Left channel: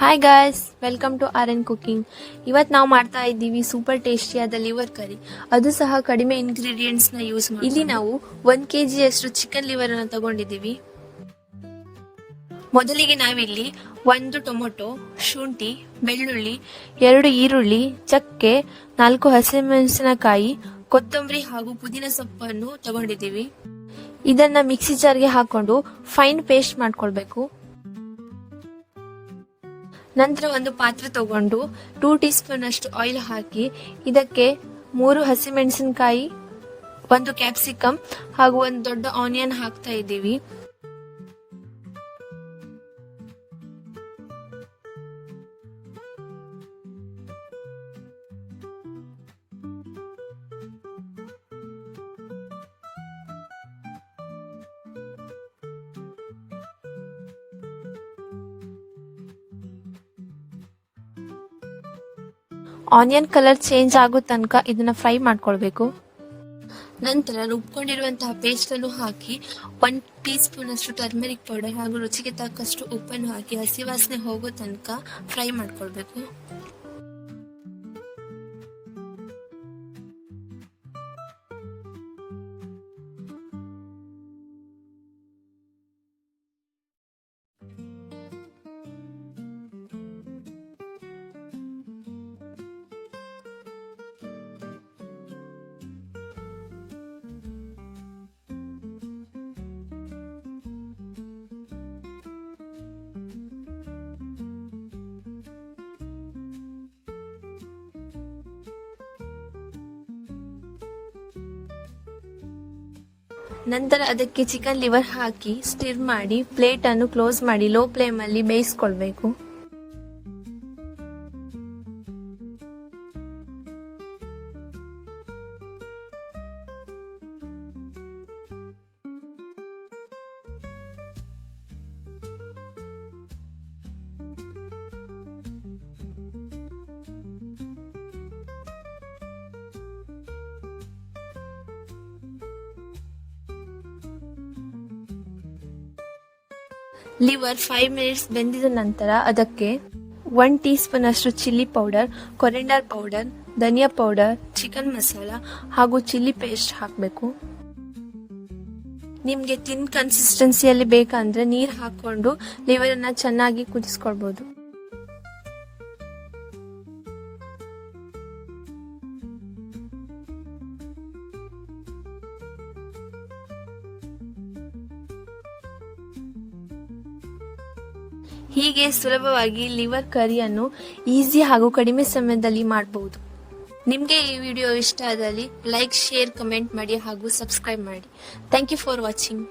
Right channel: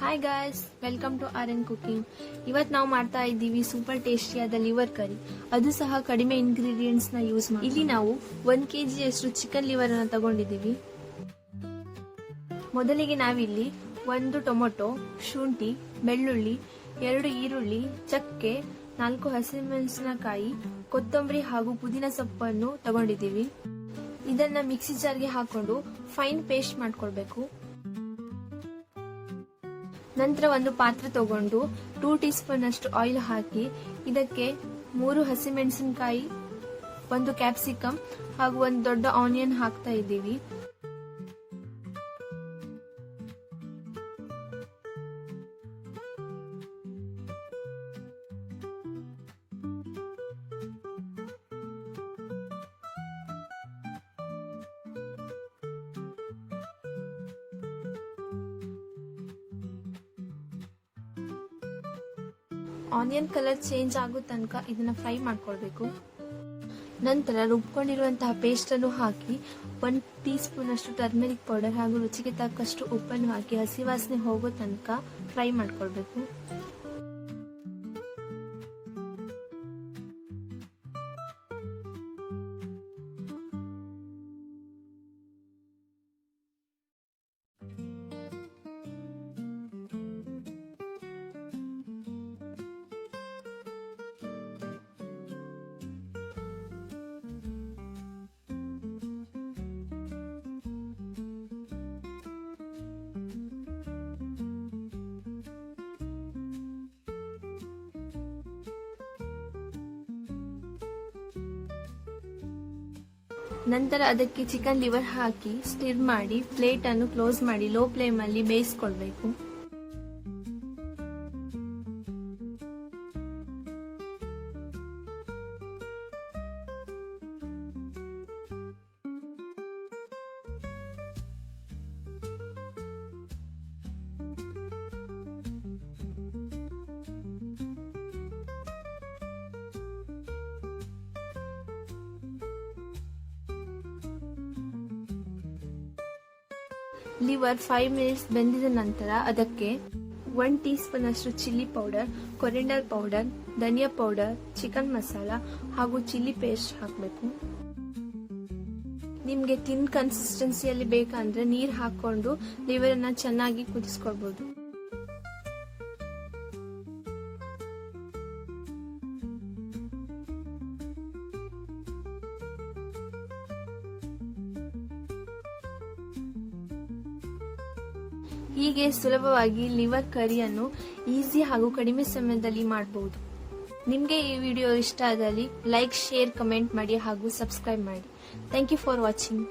Hi guys, welcome to RN cooking. ಇವತ್ತು ನಾವು ಮಾಡ್ತಾ ಇದ್ದೀವಿ ಸೂಪರ್ ಟೇಸ್ಟಿಯಾದ ಲಿವರ್ ಕರಿ. ಅದು ಸಹ ಕಡಿಮೆ ಇಂಗ್ರೀಡಿಯೆಂಟ್ಸ್ನ ಯೂಸ್ ಮಾಡಿ. ಇಲ್ಲಿ ನಾವು 1 kg ಅಷ್ಟು ಚಿಕನ್ ಲಿವರ್ ಅನ್ನು ತಗೊಂಡಿದ್ದೀವಿ. ಮೊದಲಿಗೆ ನಾವಿಲ್ಲಿ 1 ಟೊಮೊಟೊ, ಶುಂಠಿ, ಬೆಳ್ಳುಳ್ಳಿ, 2 ಈರುಳ್ಳಿ, ಚಕ್ಕೆ, 4 ಹಸಿಮೆಣಸಿನಕಾಯಿ, ಕೊತ್ತಂಬರಿ ಹಾಗೂ ಪುದೀನ ಸೊಪ್ಪನ್ನು ತಗೊಂಡಿದ್ದೀವಿ. ಇದನ್ನ ಮಿಕ್ಸಿ ಜಾರ್ಗೆ ಹಾಕೊಂಡು ಫೈನ್ ಪೇಸ್ಟ್ ಮಾಡ್ಕೊಳ್ಬೇಕು. ನಂತರ ಒಂದು ಪಾತ್ರೆ ತಗೊಂಡು 2 ಟೀ ಸ್ಪೂನ್ ಅಷ್ಟು ಆಯಿಲ್ ಹಾಕಿ ಇದಕ್ಕೆ 3 ಹಸಿಮೆಣಸಿನಕಾಯಿ, 1 ಕ್ಯಾಪ್ಸಿಕಮ್ ಹಾಗೂ 1 ದೊಡ್ಡ ಆನಿಯನ್ ಹಾಕ್ತಾ ಇದ್ದೀವಿ. ಆನಿಯನ್ ಕಲರ್ ಚೇಂಜ್ ಆಗೋ ತನಕ ಇದನ್ನ ಫ್ರೈ ಮಾಡ್ಕೊಳ್ಬೇಕು. ನಂತರ ರುಬ್ಕೊಂಡಿರುವಂತಹ ಪೇಸ್ಟ್ ಅನ್ನು ಹಾಕಿ 1 ಟೀ ಸ್ಪೂನ್ ಅಷ್ಟು ಟರ್ಮರಿಕ್ ಪೌಡರ್ ಹಾಗೂ ರುಚಿಗೆ ತಕ್ಕಷ್ಟು ಉಪ್ಪನ್ನು ಹಾಕಿ ಹಸಿ ವಾಸನೆ ಹೋಗೋ ತನಕ ಫ್ರೈ ಮಾಡ್ಕೊಳ್ಬೇಕು. ನಂತರ ಅದಕ್ಕೆ ಚಿಕನ್ ಲಿವರ್ ಹಾಕಿ ಸ್ಟಿರ್ ಮಾಡಿ ಪ್ಲೇಟ್ ಅನ್ನು ಕ್ಲೋಸ್ ಮಾಡಿ ಲೋ ಫ್ಲೇಮ್ ಅಲ್ಲಿ ಬೇಯಿಸ್ಕೊಳ್ಬೇಕು. ಲಿವರ್ 5 ಮಿನಿಟ್ಸ್ ಬೆಂದಿದ ನಂತರ ಅದಕ್ಕೆ 1 ಟೀ ಸ್ಪೂನ್ ಅಷ್ಟು ಚಿಲ್ಲಿ ಪೌಡರ್, ಕೊರಿಯಾಂಡರ್ ಪೌಡರ್, ಧನಿಯಾ ಪೌಡರ್, ಚಿಕನ್ ಮಸಾಲ ಹಾಗೂ ಚಿಲ್ಲಿ ಪೇಸ್ಟ್ ಹಾಕಬೇಕು. ನಿಮಗೆ ತಿನ್ ಕನ್ಸಿಸ್ಟೆನ್ಸಿಯಲ್ಲಿ ಬೇಕಂದ್ರೆ ನೀರು ಹಾಕೊಂಡು ಲಿವರ್ ಅನ್ನ ಚೆನ್ನಾಗಿ ಕುದಿಸ್ಕೊಳ್ಬಹುದು. ಹೀಗೆ ಸುಲಭವಾಗಿ ಲಿವರ್ ಕರಿಯನ್ನು ಈಸಿ ಹಾಗೂ ಕಡಿಮೆ ಸಮಯದಲ್ಲಿ ಮಾಡಬಹುದು. ನಿಮಗೆ ಈ ವಿಡಿಯೋ ಇಷ್ಟ ಆದಲ್ಲಿ ಲೈಕ್, ಶೇರ್, ಕಮೆಂಟ್ ಮಾಡಿ ಹಾಗೂ ಸಬ್ಸ್ಕ್ರೈಬ್ ಮಾಡಿ. Thank you for watching.